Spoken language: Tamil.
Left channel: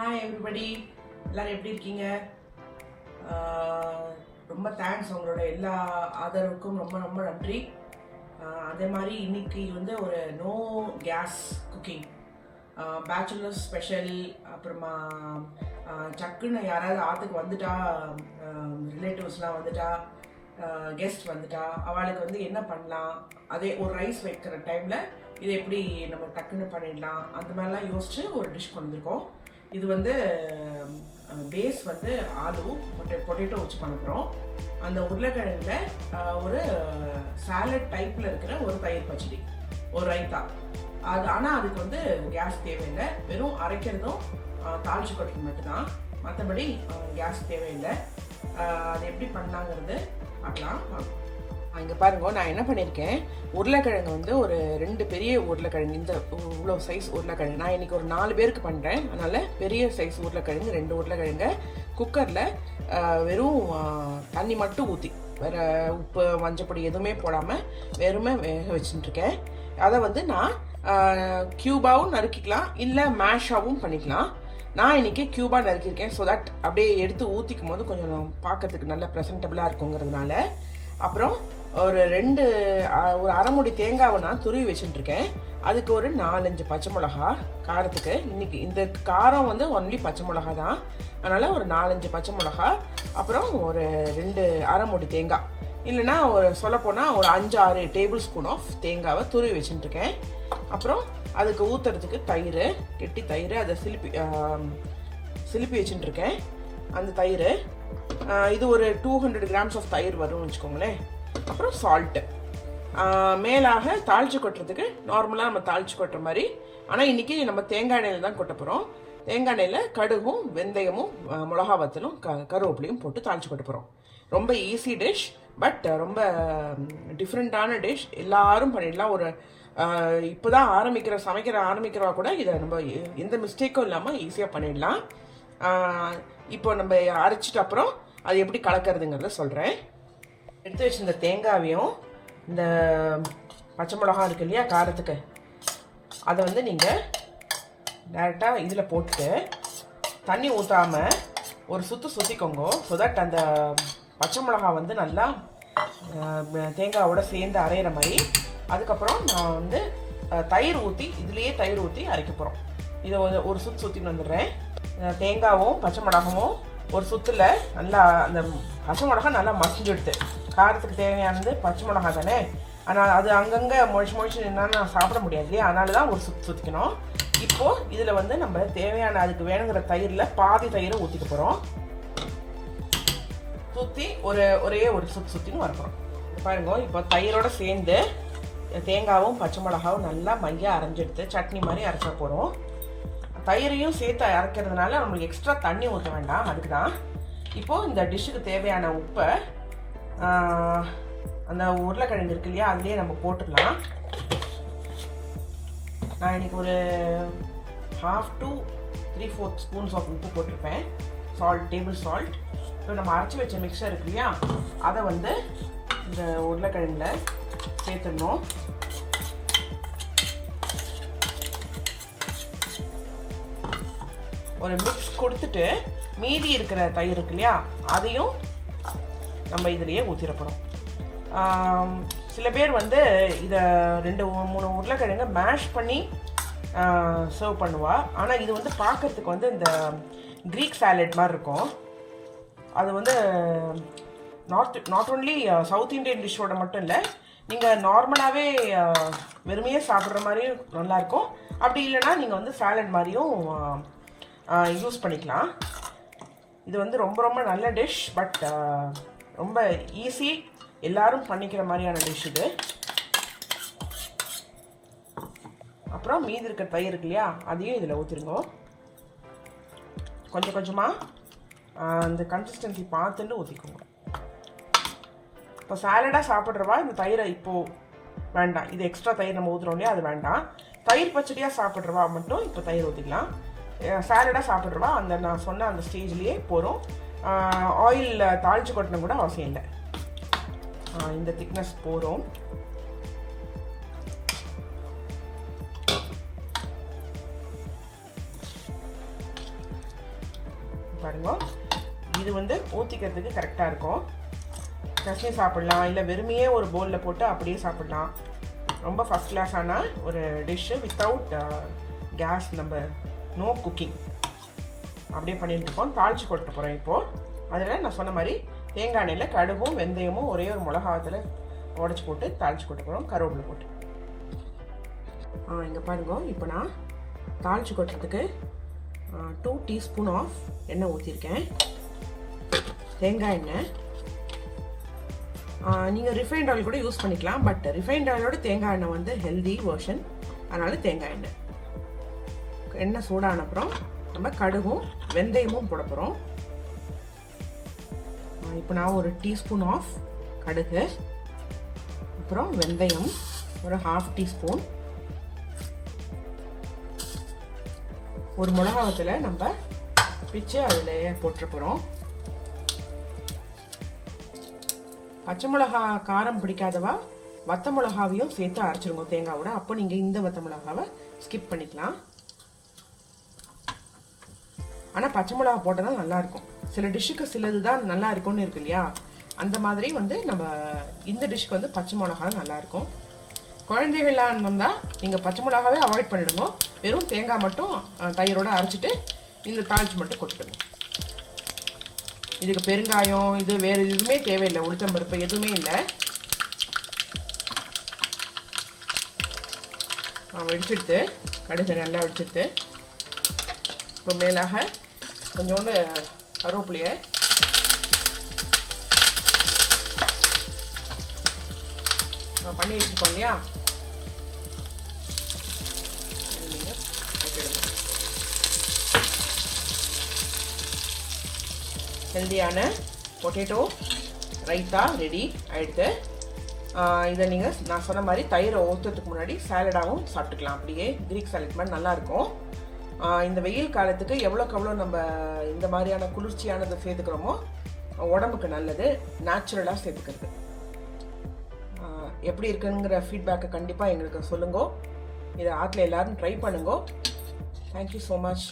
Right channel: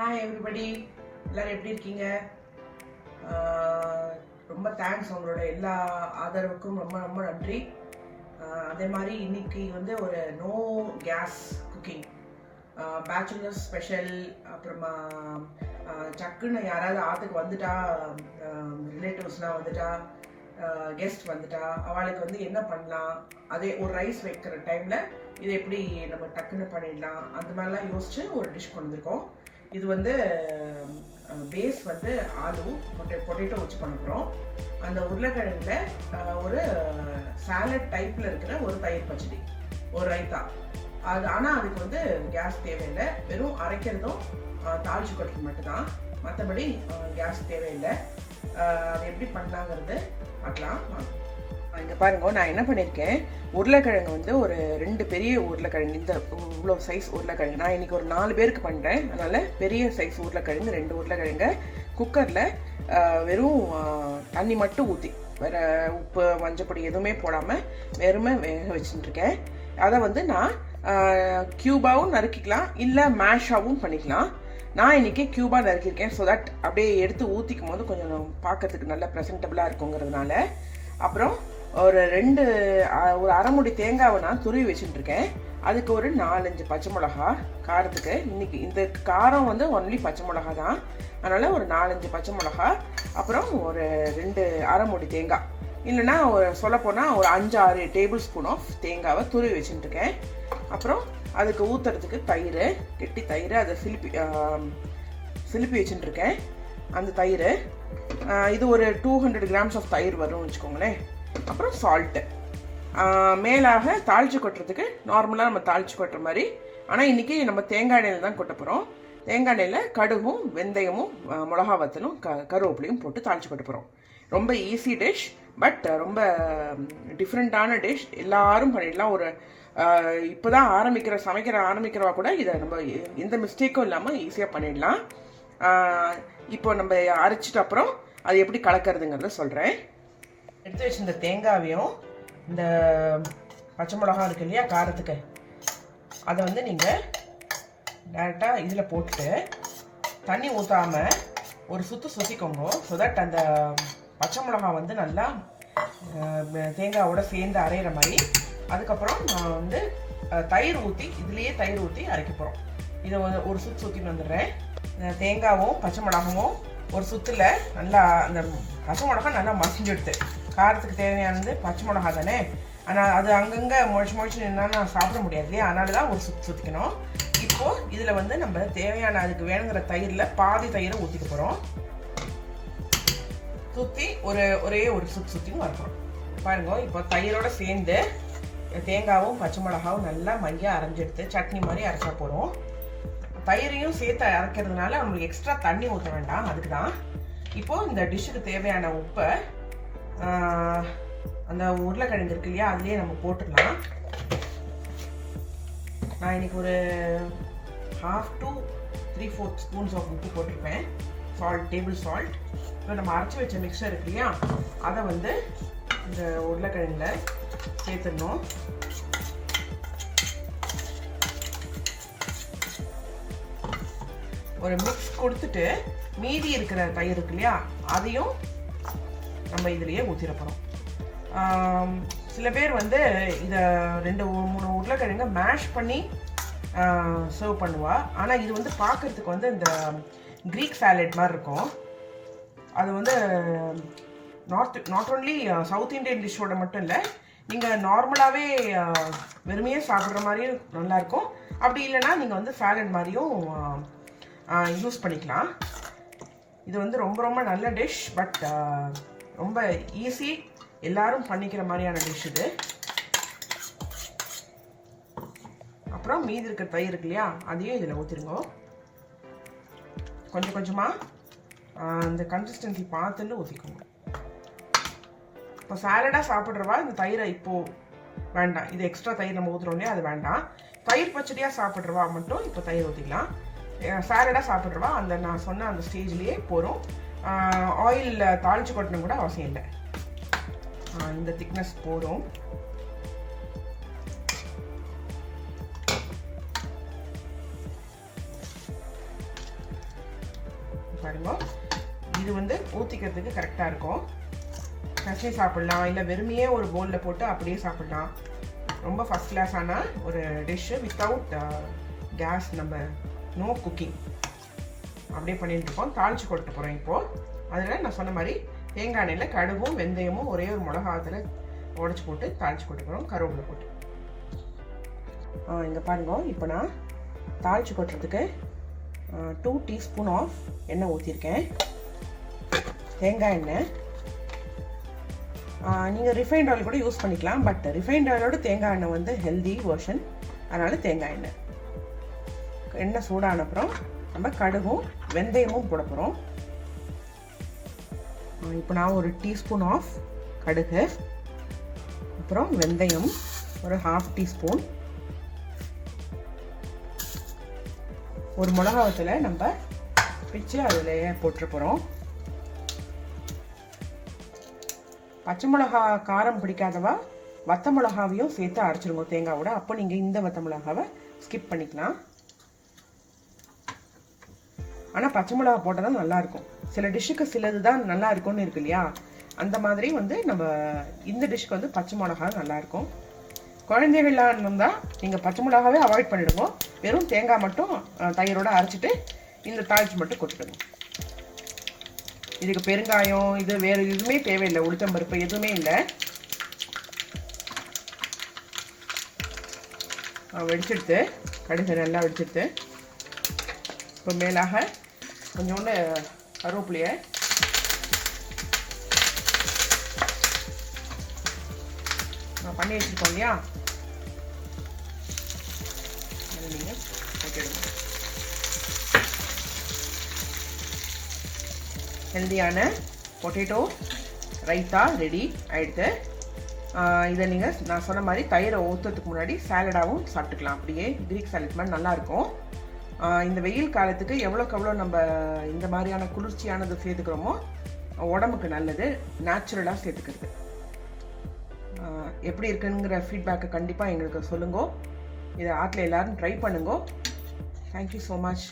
ஹாய் எவ்ரிபடி, எல்லோரும் எப்படி இருக்கீங்க? ரொம்ப தேங்க்ஸ், உங்களோட எல்லா ஆதரவுக்கும் ரொம்ப ரொம்ப நன்றி. அதே மாதிரி இன்னைக்கு வந்து ஒரு no gas cooking, bachelors special. அப்புறமா சக்குன்னு யாராவது ஆற்றுக்கு வந்துட்டா, ரிலேட்டிவ்ஸ்லாம் வந்துட்டா, கெஸ்ட் வந்துட்டா, அவளுக்கு வந்து என்ன பண்ணலாம், அதே ஒரு ரைஸ் வைக்கிற டைமில் இதை எப்படி நம்ம டக்குன்னு பண்ணிடலாம், அந்த மாதிரிலாம் யோசிச்சு ஒரு டிஷ் கொண்டு வந்திருக்கோம். இது வந்து பேஸ் வந்து ஆலு பொட்டேட்டோ வச்சு பண்ண போகிறோம். அந்த உருளைக்கிழங்குல ஒரு சாலட் டைப்பில் இருக்கிற ஒரு தயிர் பச்சடி, ஒரு ரைத்தா. அது ஆனால் அதுக்கு வந்து கேஸ் தேவையில்லை, வெறும் அரைக்கிறதும் தாளிச்சு கொட்டுறது மட்டும்தான், மற்றபடி கேஸ் தேவையில்லை. அது எப்படி பண்ணலாங்கிறது பார்க்கலாம். இங்கே பாருங்க, நான் என்ன பண்ணியிருக்கேன், உருளைக்கிழங்கு வந்து ஒரு 2 பெரிய உருளைக்கிழங்கு, இந்த இவ்வளோ சைஸ் உருளைக்கிழங்கு. நான் இன்றைக்கி ஒரு 4 பேருக்கு பண்ணுறேன், அதனால் பெரிய சைஸ் உருளைக்கிழங்கு 2 உருளைக்கிழங்கு குக்கரில் வெறும் தண்ணி மட்டும் ஊற்றி, வேறு உப்பு மஞ்சப்பொடி எதுவுமே போடாமல் வெறுமே வேக வச்சுட்டுருக்கேன். அதை வந்து நான் க்யூபாவும் நறுக்கிக்கலாம், இல்லை மேஷாகவும் பண்ணிக்கலாம். நான் இன்றைக்கி க்யூபாக நறுக்கியிருக்கேன், ஸோ தட் அப்படியே எடுத்து ஊற்றிக்கும் போது கொஞ்சம் பார்க்கறதுக்கு நல்லா ப்ரெசன்டபுளாக இருக்குங்கிறதுனால. அப்புறம் ஒரு அரை மூடி தேங்காவை நான் துருவி வச்சுட்டுருக்கேன். அதுக்கு ஒரு 4-5 பச்சை மிளகா காரத்துக்கு. இன்னைக்கு இந்த காரம் வந்து ஒன்லி பச்சை மிளகா தான், அதனால் ஒரு 4-5 பச்சை மிளகா, அப்புறம் ஒரு அரை மூடி தேங்காய், இல்லைன்னா சொல்லப்போனால் ஒரு 5-6 டேபிள் ஸ்பூன் ஆஃப் தேங்காவை துருவி வச்சுட்டுருக்கேன். அப்புறம் அதுக்கு ஊற்றுறதுக்கு தயிர், கெட்டி தயிர், அதை சிலுப்பி வச்சுட்டுருக்கேன். அந்த தயிர் இது ஒரு 200 கிராம்ஸ் ஆஃப் தயிர் வரும்னு வச்சுக்கோங்களேன். அப்புறம் சால்ட்டு, மேலாக தாளிச்சு கொட்டுறதுக்கு நார்மலாக நம்ம தாளிச்சு கொட்டுற மாதிரி. ஆனால் இன்றைக்கி நம்ம தேங்காய் எண்ணெயில் தான் கொட்ட போகிறோம். தேங்காய் எண்ணெயில் கடுகும் வெந்தயமும் மிளகா வத்தலும் கருவேப்பிலையும் போட்டு தாளிச்சு கொட்ட போகிறோம். ரொம்ப ஈஸி டிஷ், பட் ரொம்ப டிஃப்ரெண்ட்டான டிஷ். எல்லாரும் பண்ணிடலாம். ஒரு இப்போ தான் சமைக்கிற ஆரம்பிக்கிறவா கூட இதை நம்ம எந்த மிஸ்டேக்கும் இல்லாமல் ஈஸியாக பண்ணிடலாம். இப்போ நம்ம அரைச்சிட்டு அப்புறம் அது எப்படி கலக்கிறதுங்கிறத சொல்கிறேன். எடுத்து வச்சிருந்த தேங்காவையும் இந்த பச்சை மிளகா இருக்கு இல்லையா காரத்துக்கு, அதை வந்து நீங்கள் டேரெக்டாக இதில் போட்டுட்டு தண்ணி ஊற்றாமல் ஒரு சுற்றிக்கோங்க. ஸோ தட் அந்த பச்சை மிளகா வந்து நல்லா தேங்காவோட சேர்ந்து அரைகிற மாதிரி. அதுக்கப்புறம் நான் வந்து தயிர் ஊற்றி, இதுலேயே தயிர் ஊற்றி அரைக்க போகிறோம். இதை ஒரு சுற்றின்னு வந்துடுறேன். தேங்காவும் பச்சை மிளகாவும் ஒரு சுற்றில் நல்லா, அந்த பச்சை மிளகா நல்லா மசிஞ்செடுத்து, காரத்துக்கு தேவையானது பச்சை மிளகா தானே, ஆனால் அது அங்கங்கே முழிச்சு நின்னா சாப்பிட முடியாது இல்லையா, அதனால தான் ஒரு சுற்றிக்கணும். இப்போது இதில் வந்து நம்ம தேவையான அதுக்கு வேணுங்கிற தயிரில் பாதி தயிரை ஊற்றிக்க போகிறோம். சுற்றி ஒரே ஒரு சுற்றின்னு வரப்போகிறோம். பாருங்க, இப்போ தயிரோடு சேர்ந்து தேங்காவும் பச்சை மிளகாவும் நல்லா மையாக அரைஞ்செடுத்து சட்னி மாதிரி அரைச்சா போகிறோம். தயிரையும் சேர்த்து அரைக்கிறதுனால நம்மளுக்கு எக்ஸ்ட்ரா தண்ணி ஊற்ற வேண்டாம், அதுக்கு தான். இப்போது இந்த டிஷ்ஷுக்கு தேவையான உப்பை அந்த உருளைக்கிழங்கு இருக்கு இல்லையா, அதுலேயே நம்ம போட்டுடலாம். நான் இன்றைக்கி ஒரு 1/2 to 3/4 ஸ்பூன்ஸ் ஆஃப் உப்பு போட்டிருப்பேன், டேபிள் சால்ட். இப்போ நம்ம அரைச்சி வச்ச மிக்சர் இருக்கு இல்லையா, அதை வந்து இந்த உருளைக்கிழங்குல சேர்த்துடணும். ஒரு மிக்ஸ் கொடுத்துட்டு மீதி இருக்கிற தயிர் இருக்கு இல்லையா, அதையும் நம்ம இதுலேயே ஊற்றிட போகிறோம். சில பேர் வந்து இதை 2-3 உருளைக்கிழங்க மேஷ் பண்ணி சர்வ் பண்ணுவா. ஆனால் இது வந்து பார்க்குறதுக்கு வந்து இந்த க்ரீக் சாலட் மாதிரி இருக்கும். அது வந்து நாட் ஓன்லி சவுத் இண்டியன் டிஷ்ஷோட மட்டும் இல்லை, நீங்கள் நார்மலாகவே வெறுமையே சாப்பிட்ற மாதிரியும் நல்லாயிருக்கும். அப்படி இல்லைன்னா நீங்கள் வந்து சாலட் மாதிரியும் யூஸ் பண்ணிக்கலாம். இது வந்து ரொம்ப ரொம்ப நல்ல டிஷ், பட் ரொம்ப ஈஸி, எல்லாரும் பண்ணிக்கிற மாதிரியான டிஷ் இது. அப்புறம் மீதி இருக்கிற தயிர் இருக்கு இல்லையா, அதையும் இதில் ஊற்றிருங்க. கொஞ்சம் கொஞ்சமாக இந்த கன்சிஸ்டன்சி பார்த்துட்டு ஊற்றிக்கோங்க. இப்போ சாலடாக சாப்பிட்றவா இந்த தயிரை இப்போது வேண்டாம், இது எக்ஸ்ட்ரா தயிர் நம்ம ஊற்றுறோம் இல்லையா, அது வேண்டாம். தயிர் பச்சடியாக சாப்பிட்றவா மட்டும் இப்போ தயிர் ஊற்றிக்கலாம். சாலடாக சாப்பிட்றவா அந்த நான் சொன்ன அந்த ஸ்டேஜ்லேயே போகிறோம். ஆயிலில் தாளித்து கொட்டணும் கூட அவசியம் இல்லை. இந்த திக்னஸ் போதும். பாருங்க. இது வந்து ஊற்றிக்கிறதுக்கு கரெக்டாக இருக்கும். சட்னி சாப்பிட்லாம், இல்லை வெறுமையே ஒரு பவுலில் போட்டு அப்படியே சாப்பிட்லாம். ரொம்ப ஃபஸ்ட் கிளாஸான ஒரு டிஷ்ஷு வித்தவுட் கேஸ். நம்ம நோ குக்கிங் அப்படியே பண்ணிட்டு இருக்கோம். தாளித்து கொட்ட போகிறோம் இப்போது. அதில் நான் சொன்ன மாதிரி தேங்காய் எண்ணெயில் கடுகும் வெந்தயமும் ஒரே ஒரு மிளகாத்தில் உடச்சி போட்டு தாளித்து கொட்ட போகிறோம், கருவேப்பிலை போட்டு. இங்கே பாருங்க, இப்போ நான் தாளித்து கொட்டுறதுக்கு 2 டீஸ்பூன் ஆஃப் எண்ணெய் ஊற்றிருக்கேன். தேங்காய் எண்ணெய். நீங்கள் ரிஃபைண்ட் ஆயில் கூட யூஸ் பண்ணிக்கலாம். பட் ரிஃபைண்ட் ஆயிலோட தேங்காய் எண்ணெய் வந்து ஹெல்தி வெர்ஷன். அதனால் தேங்காய் எண்ணெய். எண்ணெய் சூடான அப்புறம் நம்ம கடுகும் வெந்தயமும் போட போகிறோம். இப்போ நான் ஒரு டீஸ்பூன் ஆஃப் கடுகு, அப்புறம் வெந்தயம் ஒரு 1/2 டீஸ்பூன், ஒரு மிளகாவத்தில் நம்ம பிச்சு அதில் போட்டு போகிறோம். பச்சை மிளகா காரம் பிடிக்காதவா வத்த மிளகாவையும் சேர்த்து அரைச்சிருங்க தேங்காவோட. அப்போ நீங்கள் இந்த வத்த மிளகாவை ஸ்கிப் பண்ணிக்கலாம். ஆனால் பச்சை மிளகா போட்டால் தான் நல்லாயிருக்கும். சில டிஷ்ஷுக்கு சிலது தான் நல்லா இருக்கும்னு இருக்கு இல்லையா, அந்த மாதிரி வந்து நம்ம இந்த டிஷ்க்கு வந்து பச்சை மிளகா நல்லாயிருக்கும். குழந்தைகளாக இருந்தால் நீங்கள் பச்சை மிளகாவே அவாய்ட் பண்ணிடுங்க. வெறும் தேங்காய் மட்டும் தயிரோடு அரைச்சிட்டு இந்த தாளிச்சு மட்டும் கொட்டிக்கணும். இதுக்கு பெருங்காயம் இது வேறு எதுவுமே தேவையில்லை, உளுத்தம்பருப்பு எதுவுமே இல்லை. வெடிச்செடுத்து கடுகு நல்லா வெடிச்செடுத்து இப்போ மேலாக கொஞ்சோண்டு கருவேப்பிலையை பண்ணி வச்சுருக்கோம் இல்லையா, நீங்கள் போட்டுடுங்க. ஹெல்தியான பொட்டேட்டோ ரைத்தா ரெடி ஆகிடுது. இதை நீங்கள் நான் சொன்ன மாதிரி தயிரை ஊற்றுறதுக்கு முன்னாடி சாலடாகவும் சாப்பிட்டுக்கலாம். அப்படியே கிரீக் சாலட் மாதிரி நல்லாயிருக்கும். இந்த வெயில் காலத்துக்கு எவ்வளோக்கு எவ்வளோ நம்ம இந்த மாதிரியான குளிர்ச்சியானது சேர்த்துக்கிறோமோ உடம்புக்கு நல்லது. நேச்சுரலாக சேர்த்துக்கிறது. எப்படி இருக்குங்கிற ஃபீட்பேக்கை கண்டிப்பாக எங்களுக்கு சொல்லுங்க. இதை ஆற்றுல எல்லோரும் ட்ரை பண்ணுங்க. Thank you so much.